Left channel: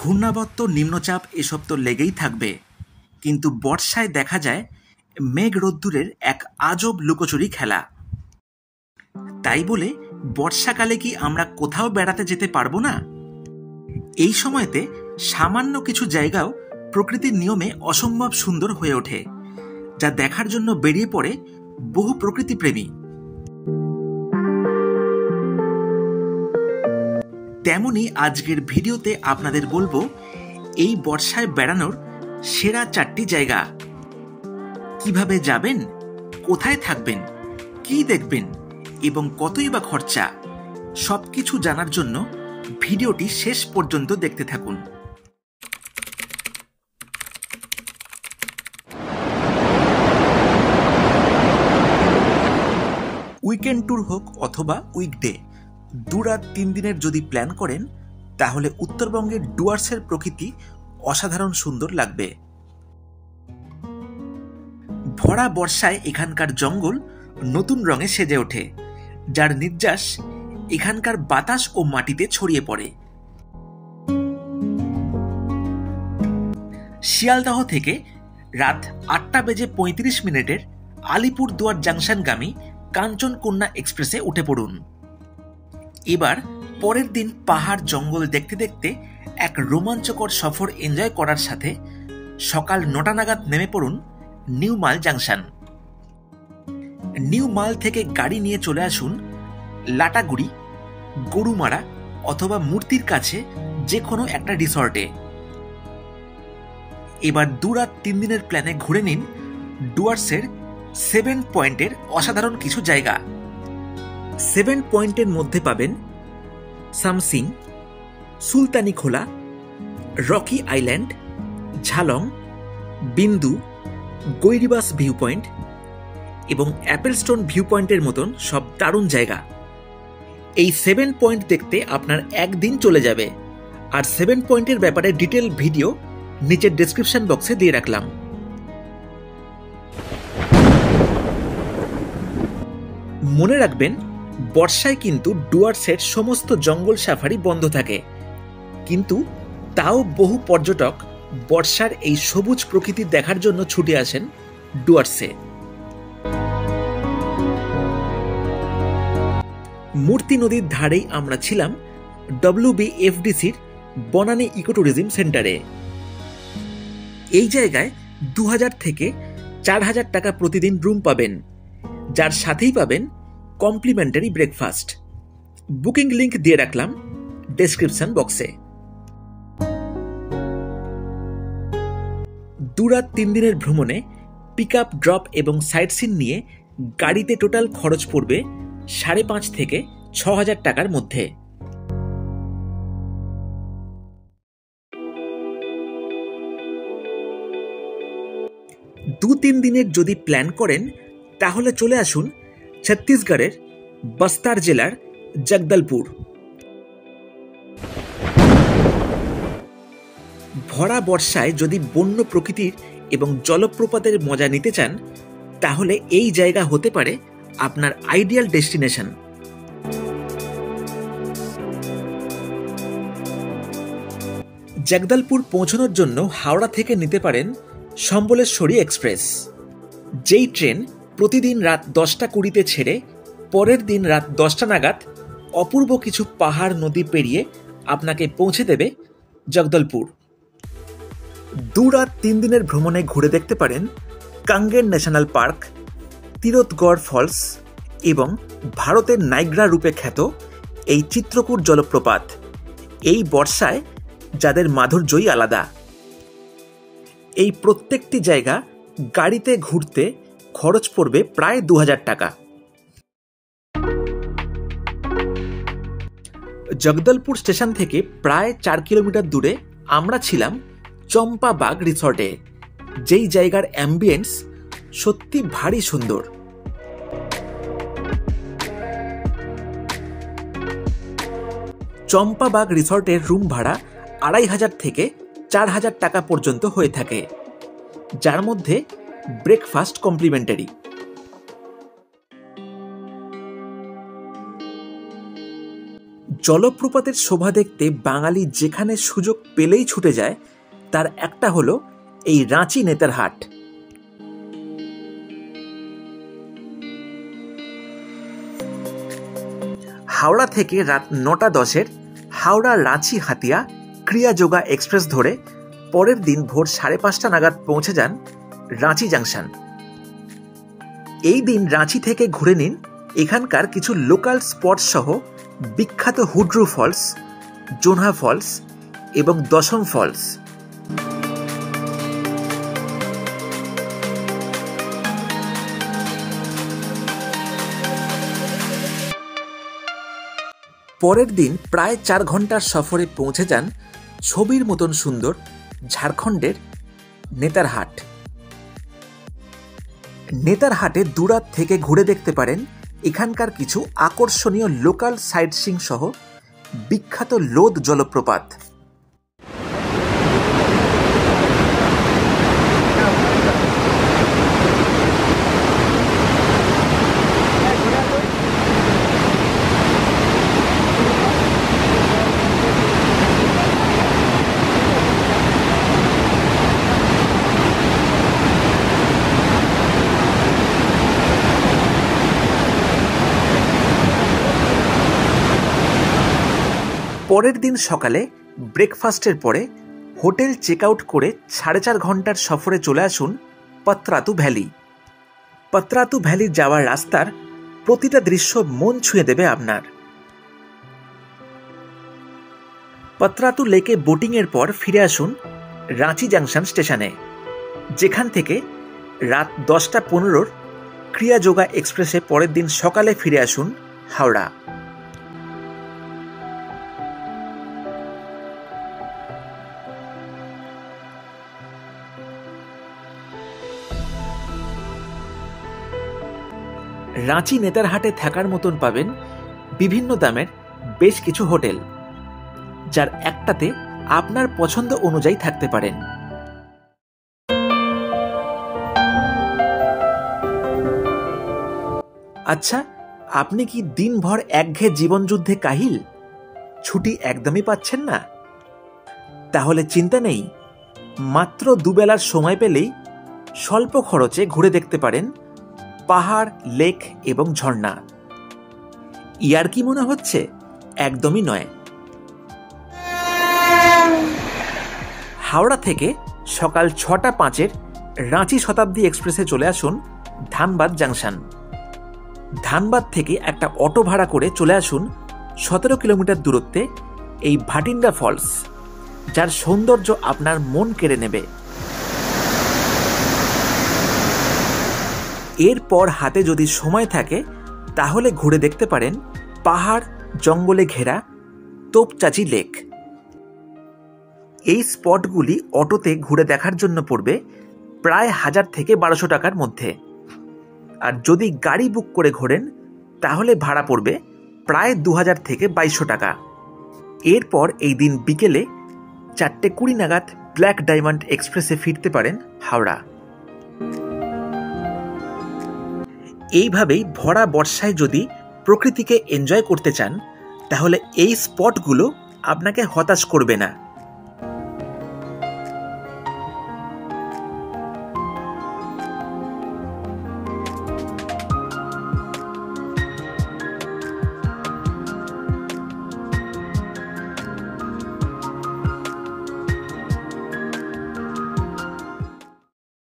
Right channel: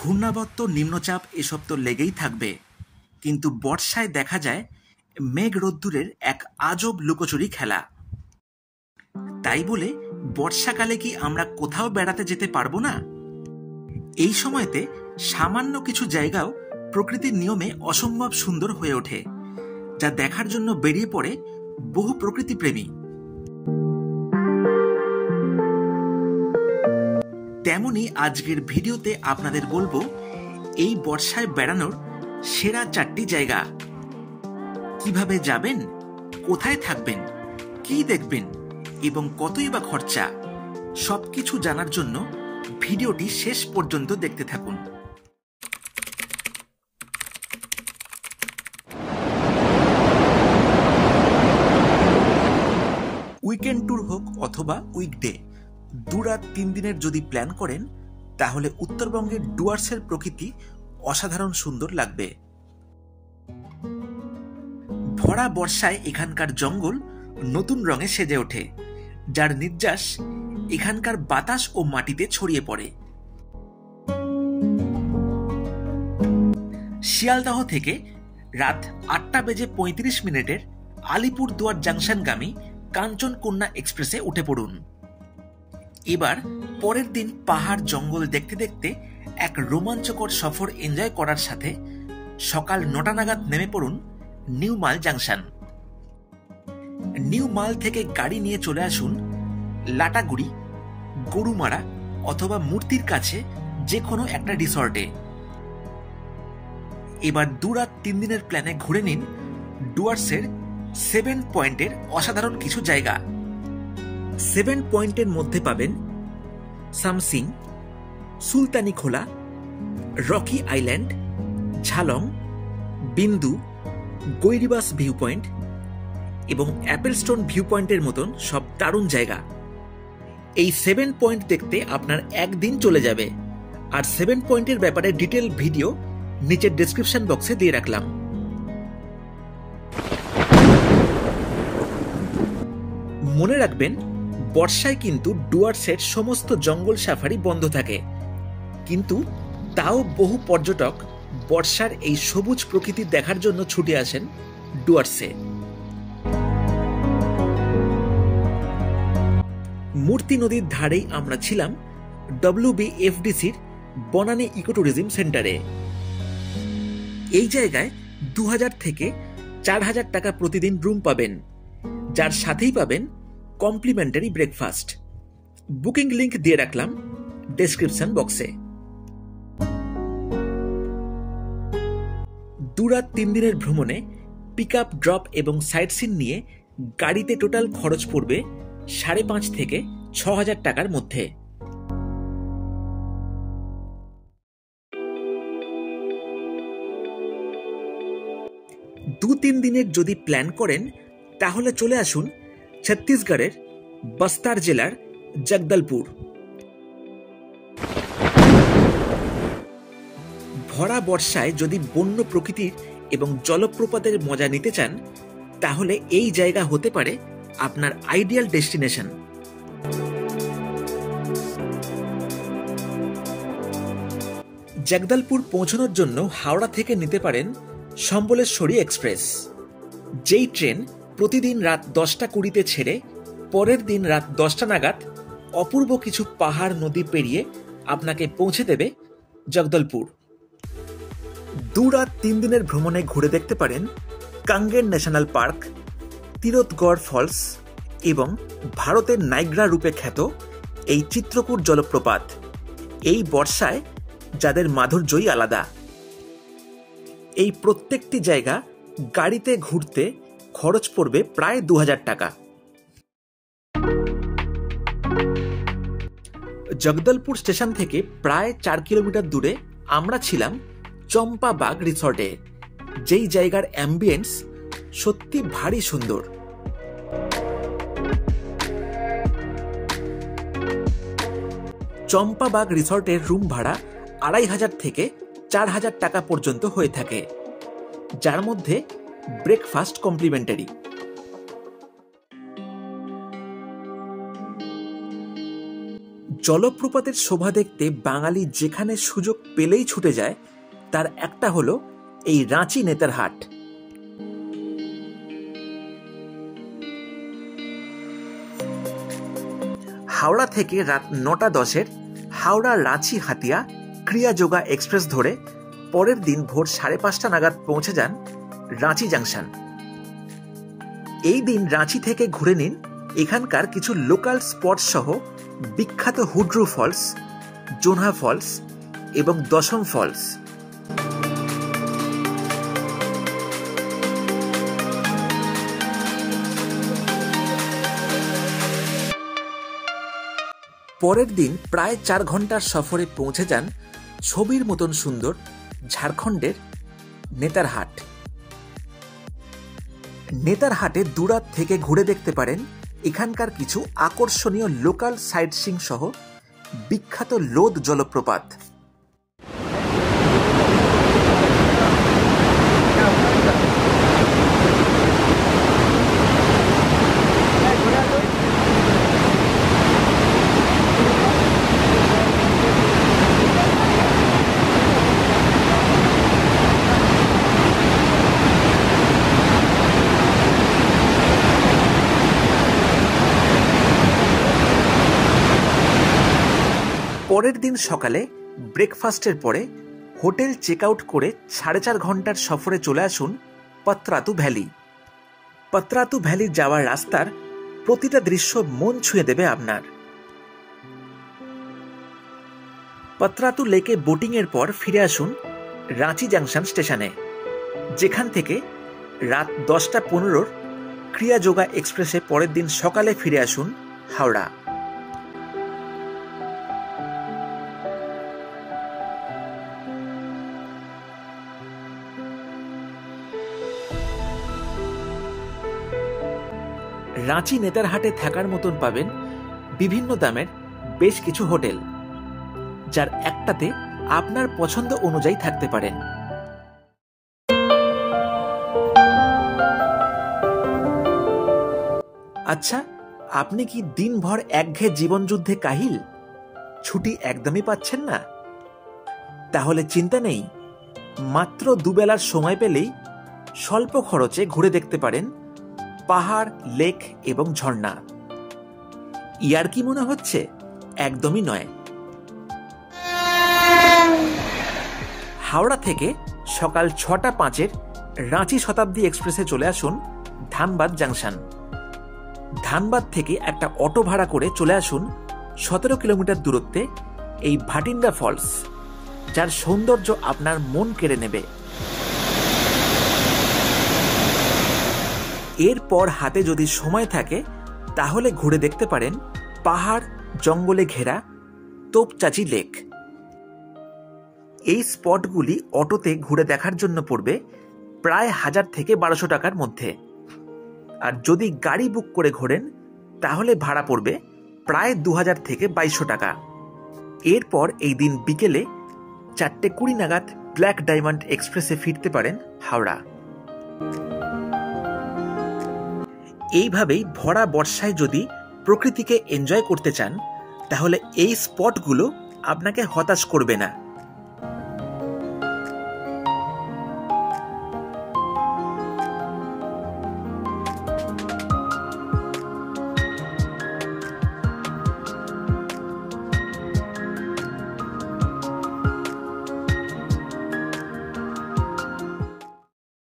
ঘূর্ণাবর্ত, নিম্নচাপ এসব তো লেগেই থাকবে, কিন্তু বর্ষায় দেখা যায় মেঘ রোদ্দুরের এক আজব লুকোচুরি খেলা। তাই বলে বর্ষাকালে কি আমরা কোথাও বেড়াতে যেতে পারবো না? এই সময়তে সামান্য কিছু জায়গাও প্রকৃতির নিয়মে অসম্ভব সুন্দর হয়ে ওঠে, যা দেখার জন্য বেরিয়ে পড়ে বহু প্রকৃতিপ্রেমী। তেমনি আজকের ভিডিওতে আপনাদের বলবো এই বর্ষায় বেড়ানোর সেরা 4টি জায়গা। কিভাবে যাবেন, কোথায় থাকবেন, কি দেখবেন এবং কতই বা খরচা, সবকিছু জানার জন্য ভিডিওটি শেষ পর্যন্ত দেখতে থাকুন। উইকেন্ড ট্যুর হোক অথবা উইকডে, 2 রাত 3 দিনের যদি প্ল্যান করেন তাহলে উত্তরবঙ্গের ডুয়ার্সের প্রকৃতি অসাধারণ সুন্দর লাগবে। ভরা বর্ষায় এখানকার জঙ্গল নতুন রঙে সেজে ওঠে, যার নির্যাস এখানকার বাতাস ও মাটিতে ছড়িয়ে পড়ে। শিয়ালদহ থেকে রাত 8:35 আলিপুরদুয়ার জাংশনগামী কাঞ্চনকন্যা এক্সপ্রেসে উঠে পড়ুন। এবার পরের দিন পাহাড় জঙ্গল দেখতে দেখতে এক রোমাঞ্চকর সফর এনজয় করার সাথে সকাল 9টা নাগাদ নেমে পড়ুন নিউ মাল জাংশন। নিউ মাল থেকে গাড়ি নিয়ে চলে আসুন লাটাগুড়ি, গরুমারা অথবা মূর্তির কাছে যে কোনো একটা রিসর্টে। এবার 2 রাত 3 দিনের প্ল্যানে ঘুরে নিন ডুয়ার্সের 7 পয়েন্টের অসাধারণ কিছু জায়গা। 7 পয়েন্টের মধ্যে পাবেন সামসিং, সুলতানি খোলা, রকি আইল্যান্ড, ঝালং, বিন্দু, গৈরিবাস ভিউ পয়েন্ট এবং অ্যাপেলস্টোন ভিউ পয়েন্টের মতন সব দারুণ জায়গা। এই 7 পয়েন্ট দেখতে আপনার একদিন চলে যাবে। আর 7 পয়েন্টের ব্যাপারে ডিটেল ভিডিও নিচের ডেসক্রিপশন বক্সে দিয়ে রাখলাম। মনে রাখবেন, বর্ষায় কিন্তু ডুয়ার্সের সমস্ত জঙ্গল সাফারি বন্ধ থাকে, কিন্তু তাও বহু পর্যটক বর্ষার এই সবুজ প্রকৃতি দেখার জন্য ছুটে আসেন ডুয়ার্সে। মূর্তি নদীর ধারেই আমরা ছিলাম WBFDCর বনানী ইকোট্যুরিজম সেন্টারে। এই জায়গায় 2000 থেকে 4000 টাকা প্রতিদিন রুম পাবেন, যার সাথেই পাবেন কমপ্লিমেন্টারি ব্রেকফাস্ট। বুকিং লিংক দিয়ে রাখলাম ডেসক্রিপশন বক্সে। 2 রাত 3 দিনের ভ্রমণে পিক আপ, ড্রপ এবং সাইট সিন নিয়ে গাড়িতে টোটাল খরচ পড়বে 5,500 থেকে 6,000 টাকার মধ্যে। দু 3 দিনের যদি প্ল্যান করেন তাহলে চলে আসুন ছত্তিশগড়ের বস্তার জেলার জগদলপুর। ভরা বর্ষায় যদি বন্য প্রকৃতির এবং জলপ্রপাতের মজা নিতে চান তাহলে এই জায়গা হতে পারে আপনার আইডিয়াল ডেস্টিনেশন। জগদলপুর পৌঁছানোর জন্য হাওড়া থেকে নিতে পারেন সম্বলেশ্বরী এক্সপ্রেস, যেই ট্রেন প্রতিদিন রাত 10:20 ছেড়ে পরের দিন রাত 10টা নাগাদ অপূর্ব কিছু পাহাড় নদী পেরিয়ে আপনাকে পৌঁছে দেবে জগদলপুর। 2 রাত 3 দিনের ভ্রমণে ঘুরে দেখতে পারেন কাঙ্গের ন্যাশনাল পার্ক, তিরথগড় ফলস এবং ভারতের নাইগ্রা রূপে খ্যাত এই চিত্রকূট জলপ্রপাত। এই বর্ষায় যাদের মাধুর্যই আলাদা। এই প্রত্যেকটি জায়গা গাড়িতে ঘুরতে খরচ পড়বে প্রায় 2000 টাকা। জগদলপুর স্টেশন থেকে প্রায় 4 কিলোমিটার দূরে আমরা ছিলাম চম্পাবাগ রিসর্টে, যেই জায়গার অ্যাম্বিয়েন্স সত্যি ভারী সুন্দর। চম্পাবাগ রিসর্টের রুম ভাড়া 2500 থেকে 4000 টাকা পর্যন্ত হয়ে থাকে, যার মধ্যে ব্রেকফাস্ট কমপ্লিমেন্টারি। জলপ্রপাতের শোভা দেখতে বাঙালি যেখানে সুযোগ পেলেই ছুটে যায় তার একটা হলো এই রাঁচি নেতারহাট। হাওড়া থেকে রাত 9:10 হাওড়া রাঁচি হাতিয়া ক্রিয়াযোগা এক্সপ্রেস ধরে পরের দিন ভোর 5:30 নাগাদ পৌঁছে যান রাঁচি জাংশন। এই দিন রাঁচি থেকে ঘুরে নিন এখানকার কিছু লোকাল স্পট সহ বিখ্যাত হুড্রু ফলস, জোনহা ফলস এবং দশম ফলস। পরের দিন প্রায় 4 ঘন্টার সফরে পৌঁছে যান ছবির মতন সুন্দর ঝাড়খণ্ডের নেতারহাট। নেতারহাটে দুরাত থেকে ঘুরে দেখতে পারেন এখানকার কিছু আকর্ষণীয় লোকাল সাইট সিইং সহ বিখ্যাত লোদ জলপ্রপাত। পরের দিন সকালে ব্রেকফাস্টের পরে হোটেল চেক আউট করে 4.5 ঘন্টার সফরে চলে আসুন পত্রাতু ভ্যালি। পত্রাতু ভ্যালি যাওয়ার রাস্তার প্রতিটা দৃশ্য মন ছুঁয়ে দেবে আপনার। পত্রাতু লেকে বোটিং এর পর ফিরে আসুন রাঁচি জাংশন স্টেশনে, যেখান থেকে রাত 10:15 ক্রিয়াযোগা এক্সপ্রেসে পরের দিন সকালে ফিরে আসুন হাওড়া। রাঁচি নেতারহাটে থাকার মতন পাবেন বিভিন্ন দামের বেশ কিছু হোটেল, যার একটাতে আপনার পছন্দ অনুযায়ী থাকতে পারেন। আচ্ছা, আপনি কি দিনভর একঘেয়ে জীবনযুদ্ধে কাহিল, ছুটি একদমই পাচ্ছেন না? তাহলে চিন্তা নেই, মাত্র দুবেলার সময় পেলেই স্বল্প খরচে ঘুরে দেখতে পারেন পাহাড়, লেক এবং ঝর্ণা। ইয়ার কি মনে হচ্ছে? একদমই নয়। হাওড়া থেকে সকাল 6:05 রাঁচি শতাব্দী এক্সপ্রেসে চলে আসুন ধানবাদ জাংশন। ধানবাদ থেকে একটা অটো ভাড়া করে চলে আসুন 17 কিলোমিটার দূরত্বে এই ভাটিন্ডা ফলস, যার সৌন্দর্য আপনার মন কেড়ে নেবে। এরপর হাতে যদি সময় থাকে তাহলে ঘুরে দেখতে পারেন পাহাড় জঙ্গলে ঘেরা তোপচাচি লেক। এই স্পটগুলি অটোতে ঘুরে দেখার জন্য পড়বে প্রায় 1000 থেকে 1200 টাকার মধ্যে, আর যদি গাড়ি বুক করে ঘোরেন তাহলে ভাড়া পড়বে প্রায় 2000 থেকে 2200 টাকা। এরপর এই দিন বিকেলে 4:20 নাগাদ ব্ল্যাক ডায়মন্ড এক্সপ্রেসে ফিরতে পারেন হাওড়া। এইভাবেই ভরা বর্ষায় যদি প্রকৃতিকে এনজয় করতে চান তাহলে এই স্পটগুলো আপনাকে হতাশ করবে না।